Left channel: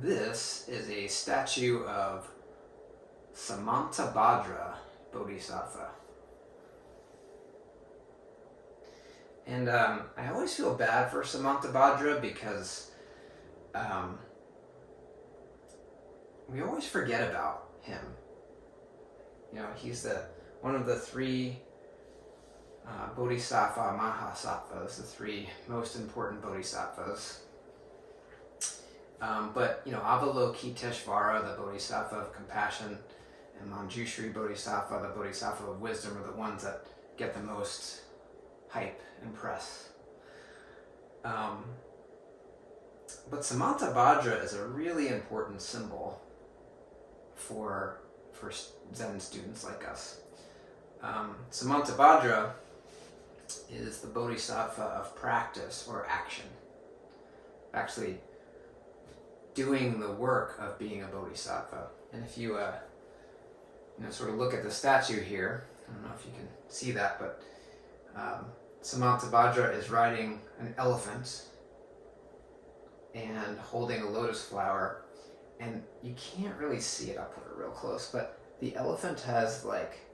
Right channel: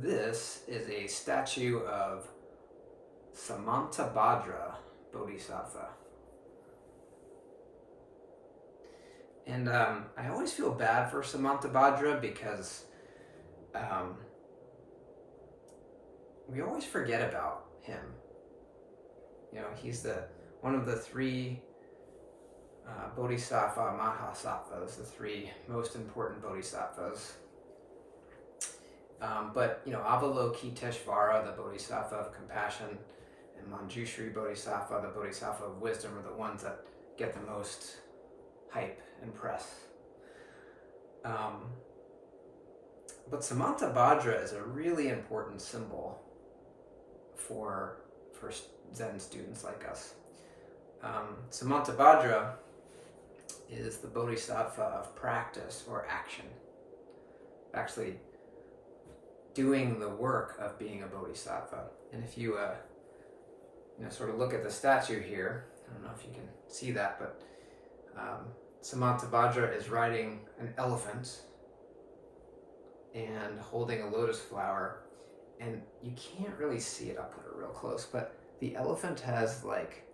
This is a statue of Samantabhadra Bodhisattva. And I always feel bad for Samantabhadra because we always forget about him. You know, he's one of the three Bodhisattva Mahasattvas, the three most important Bodhisattvas. But, you know, Avalokiteshvara, the Bodhisattva of compassion, and Manjushri Bodhisattva, the Bodhisattva of wisdom, are the ones that get the most hype and press. But Samantabhadra is a really important symbol for Zen students like us. Samantabhadra is the Bodhisattva of practice or action. Actually doing the work of being a Bodhisattva. And if you sort of look at the statue here, I don't know if you can see that, but Samantabhadra is riding an elephant and holding a lotus flower, and you can't really see it. I'll put it real close, but the elephant has like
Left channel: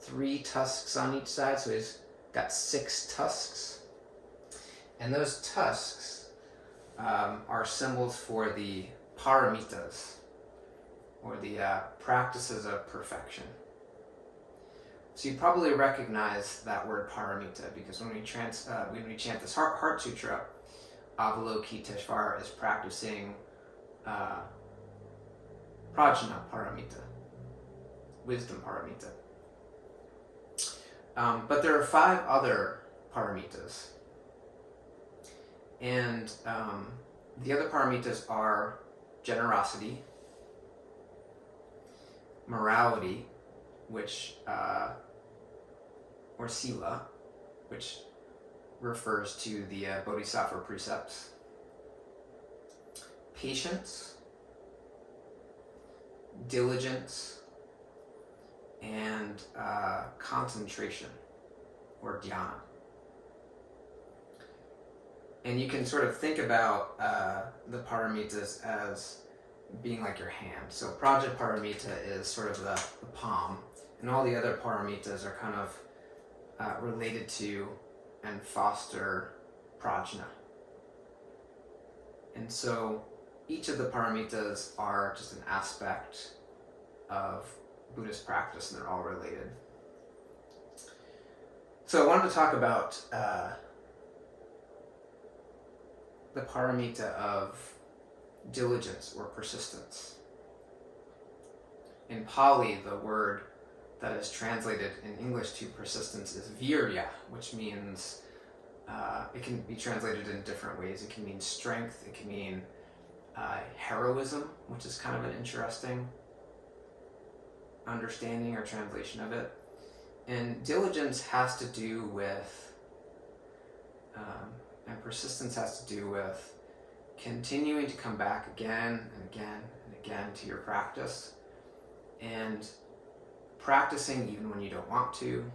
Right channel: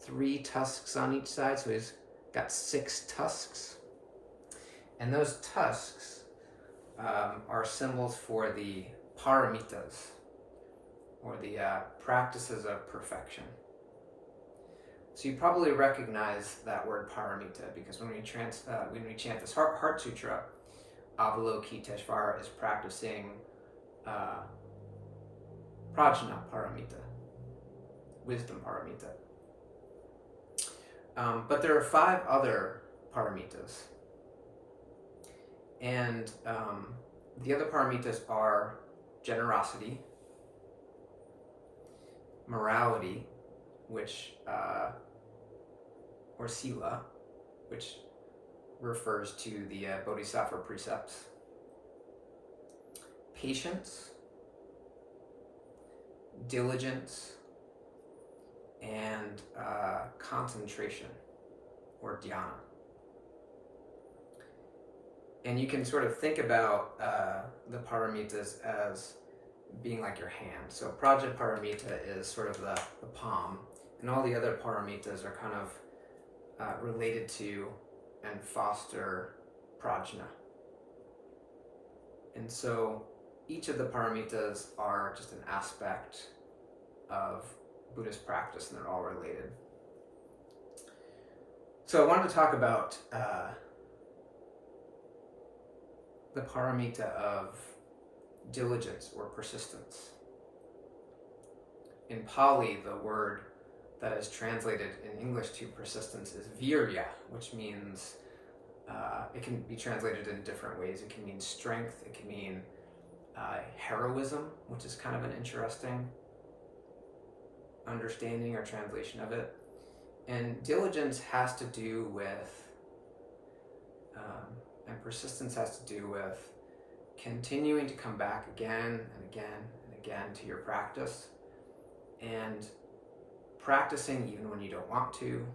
3 tusks on each side, so he's got 6 tusks, and those tusks are symbols for the paramitas, or the practices of perfection. So you probably recognize that word paramita, because when we chant this Heart Sutra, Avalokiteshvara is practicing prajna paramita, wisdom paramita. But there are 5 other paramitas. And the other paramitas are generosity, morality, which or sila, which refers to the Bodhisattva precepts, patience, diligence, and concentration, or dhyana. And you can sort of think about the paramitas as being like your hand. So Prajaparamita is sort of the palm, and all the other paramitas are kind of related to and foster prajna. And so each of the paramitas are just an aspect of Buddhist practice, and they're all related. So I wanted to talk about the paramita of diligence or persistence. In Pali, the word that is translated in English to persistence is vīrya, which means, it can be translated in different ways. It can mean strength, it can mean heroism, which is kind of an interesting understanding or translation of it. And diligence has to do with, and persistence has to do with continuing to come back again and again and again to your practice, and practicing even when you don't want to,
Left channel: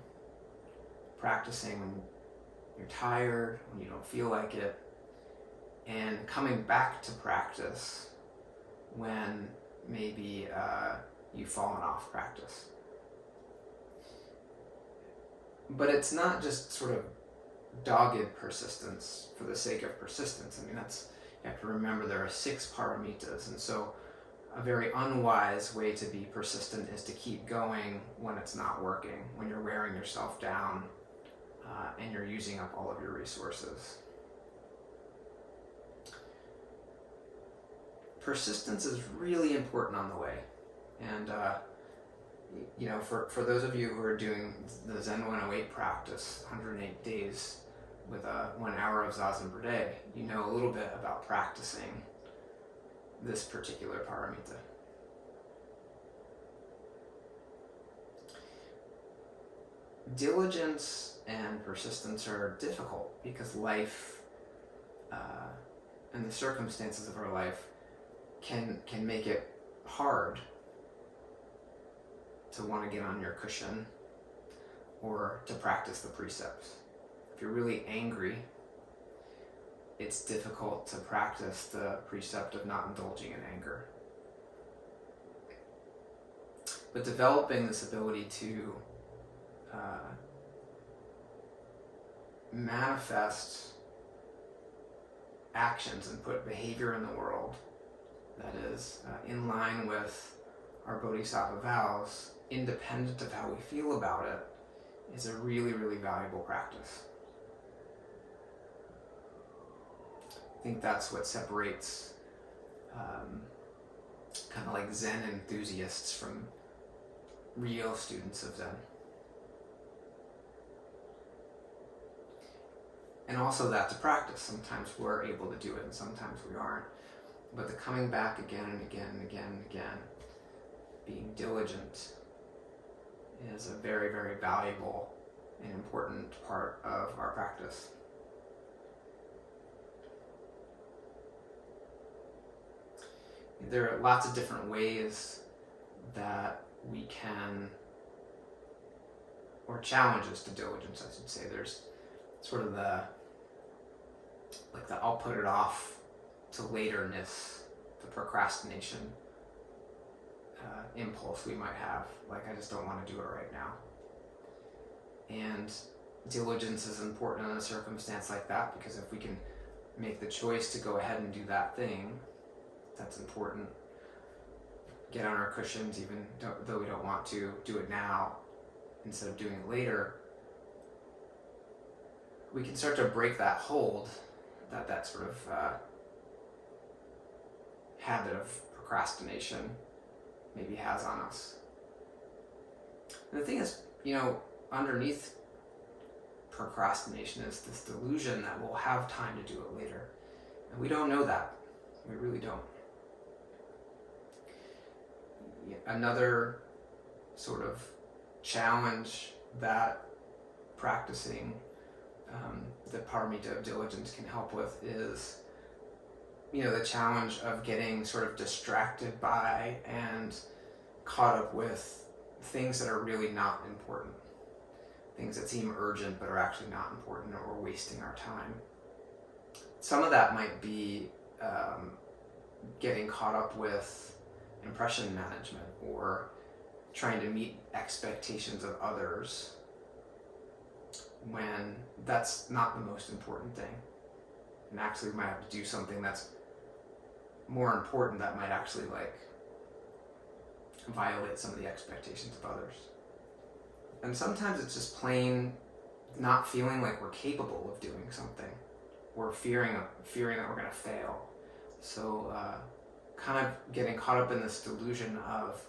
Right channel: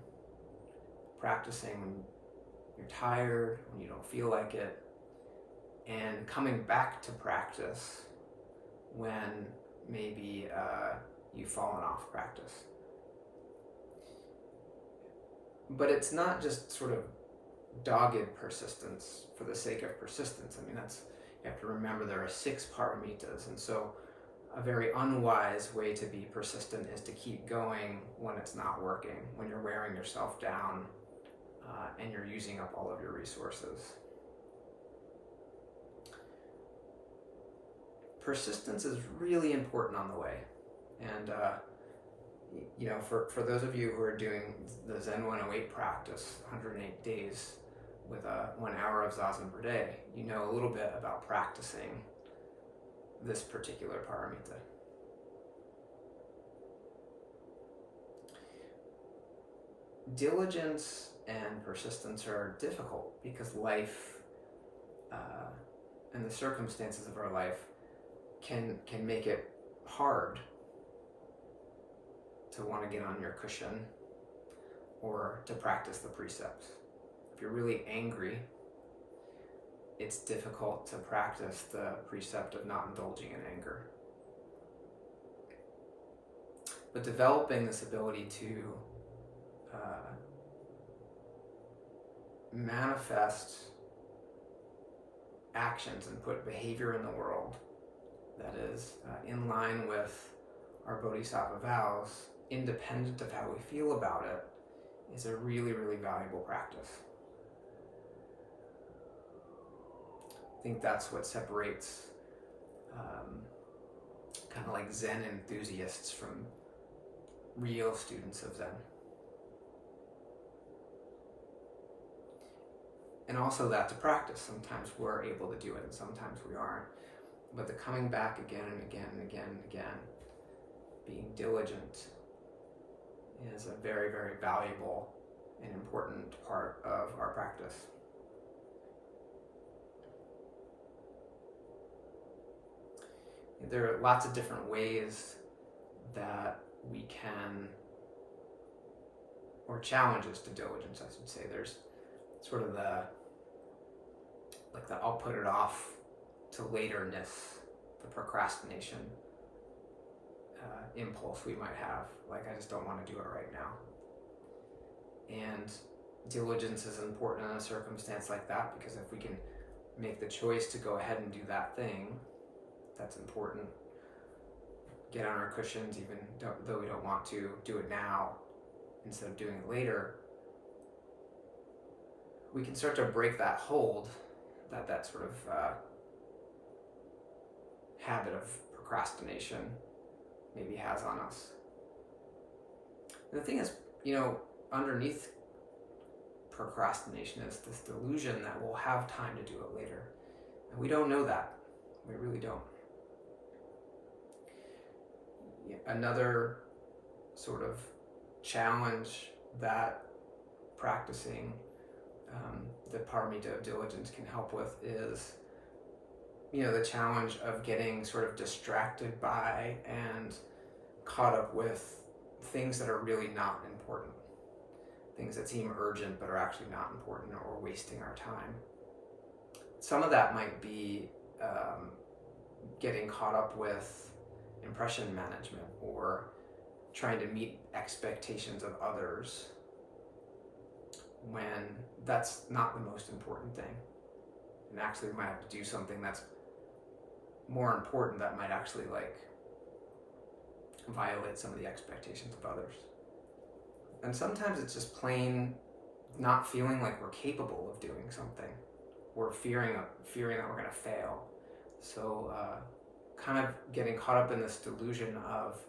practicing when you're tired, when you don't feel like it, and coming back to practice when maybe you've fallen off practice. But it's not just sort of dogged persistence for the sake of persistence. I mean, you have to remember there are 6 paramitas, and so a very unwise way to be persistent is to keep going when it's not working, when you're wearing yourself down and you're using up all of your resources. Persistence is really important on the way. And for those of you who are doing the Zen 108 practice, 108 days with 1 hour of zazen per day, you know a little bit about practicing this particular paramita. Diligence and persistence are difficult because life and the circumstances of our life can make it hard to want to get on your cushion or to practice the precepts. If you're really angry, it's difficult to practice the precept of not indulging in anger. But developing this ability to manifest actions and put behavior in the world that is in line with our bodhisattva vows, independent of how we feel about it, is a really, really valuable practice. I think that's what separates kind of like Zen enthusiasts from real students of Zen. And also that to practice. Sometimes we're able to do it and sometimes we aren't. But the coming back again and again and again and again, being diligent, is a very, very valuable and important part of our practice. There are lots of different ways that we can, or challenges to diligence, I should say. There's sort of the I'll put it off to laterness, the procrastination impulse we might have. Like, I just don't want to do it right now. And diligence is important in a circumstance like that, because if we can make the choice to go ahead and do that thing, that's important. Get on our cushions, even though we don't want to, do it now instead of doing it later. We can start to break that hold that sort of habit of procrastination maybe has on us. And the thing is, underneath procrastination is this delusion that we'll have time to do it later. And we don't know that. We really don't. Another sort of challenge that practicing the paramita of diligence can help with is, the challenge of getting sort of distracted by and caught up with things that are really not important. Things that seem urgent but are actually not important, or wasting our time. Some of that might be getting caught up with impression management, or trying to meet expectations of others when that's not the most important thing. And actually we might have to do something that's more important that might actually violate some of the expectations of others. And sometimes it's just plain not feeling like we're capable of doing something, or fearing that we're going to fail. So kind of getting caught up in this delusion of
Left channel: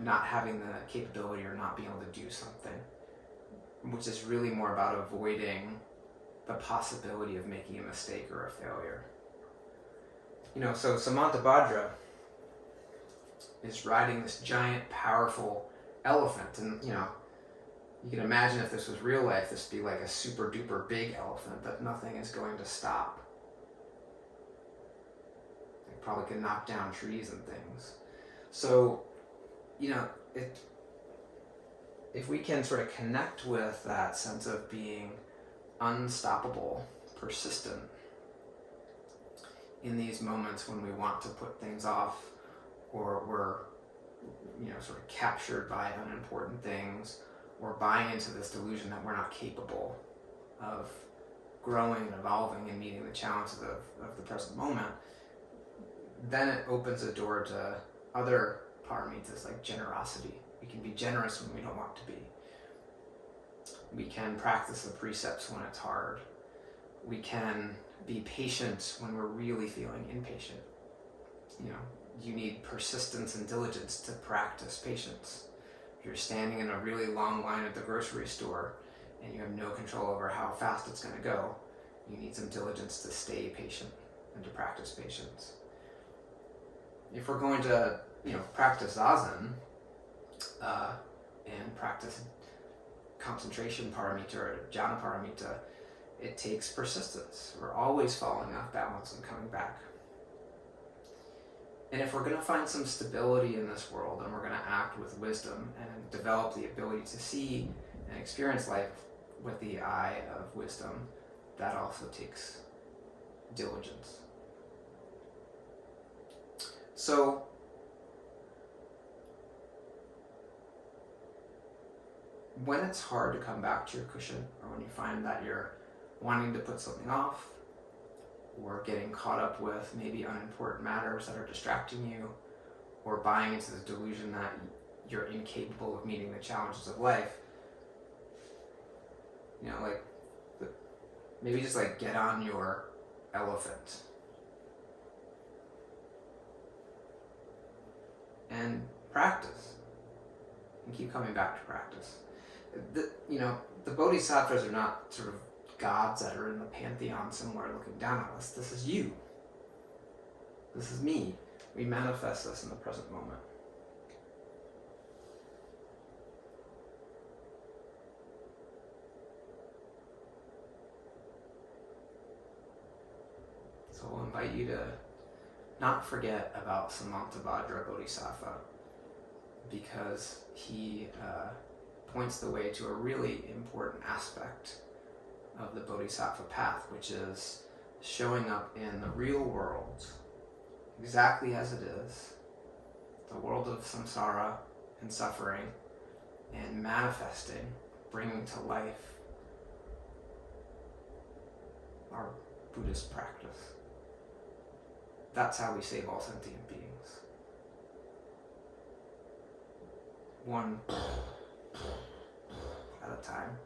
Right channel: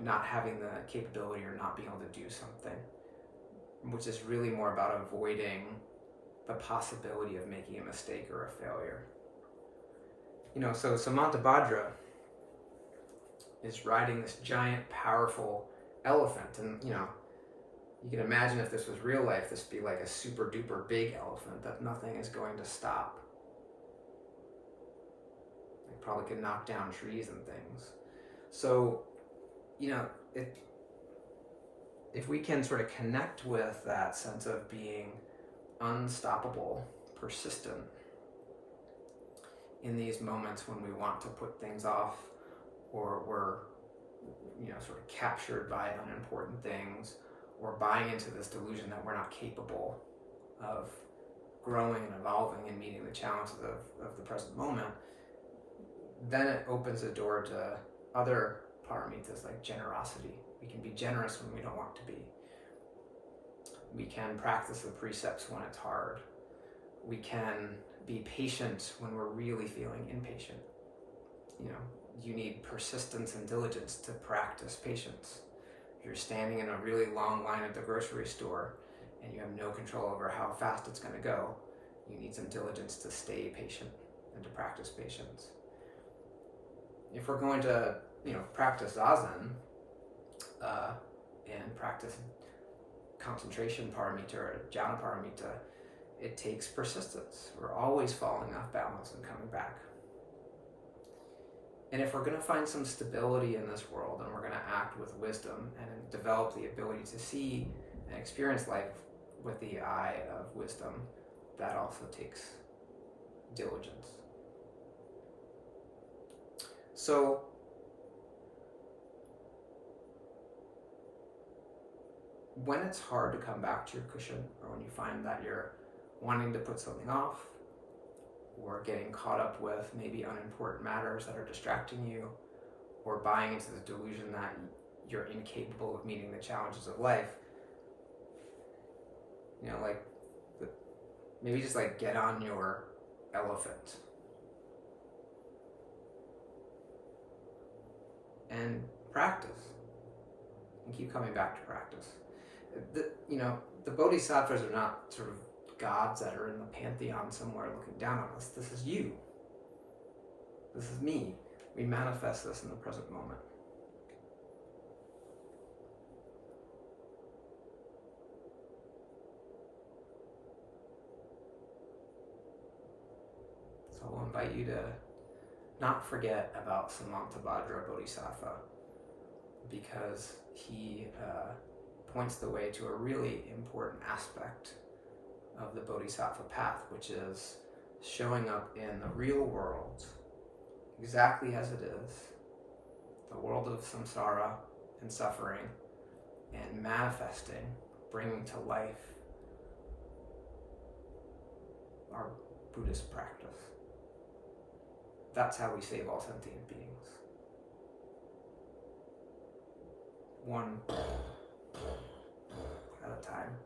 not having the capability or not being able to do something, which is really more about avoiding the possibility of making a mistake or a failure. So Samantabhadra is riding this giant, powerful elephant, and you can imagine if this was real life, this would be like a super duper big elephant that nothing is going to stop. It probably could knock down trees and things. So, if we can sort of connect with that sense of being unstoppable, persistent in these moments when we want to put things off, or we're sort of captured by unimportant things, or buying into this delusion that we're not capable of growing and evolving and meeting the challenges of the present moment, then it opens the door to other paramitas like generosity. We can be generous when we don't want to be. We can practice the precepts when it's hard. We can be patient when we're really feeling impatient. You need persistence and diligence to practice patience. If you're standing in a really long line at the grocery store and you have no control over how fast it's going to go, you need some diligence to stay patient and to practice patience. If we're going to, practice zazen and practice concentration paramita or jhana paramita, it takes persistence. We're always falling off balance and coming back. And if we're going to find some stability in this world, and we're going to act with wisdom and develop the ability to see and experience life with the eye of wisdom, that also takes diligence. So, when it's hard to come back to your cushion, or when you find that you're wanting to put something off, or getting caught up with maybe unimportant matters that are distracting you, or buying into the delusion that you're incapable of meeting the challenges of life, maybe just get on your elephant and practice, and keep coming back to practice. The bodhisattvas are not sort of gods that are in the pantheon somewhere looking down on us. This is you. This is me. We manifest this in the present moment. So I'll invite you to not forget about Samantabhadra Bodhisattva, because he points the way to a really important aspect of the Bodhisattva path, which is showing up in the real world exactly as it is, the world of samsara and suffering, and manifesting, bringing to life our Buddhist practice. That's how we save all sentient beings. One at a time.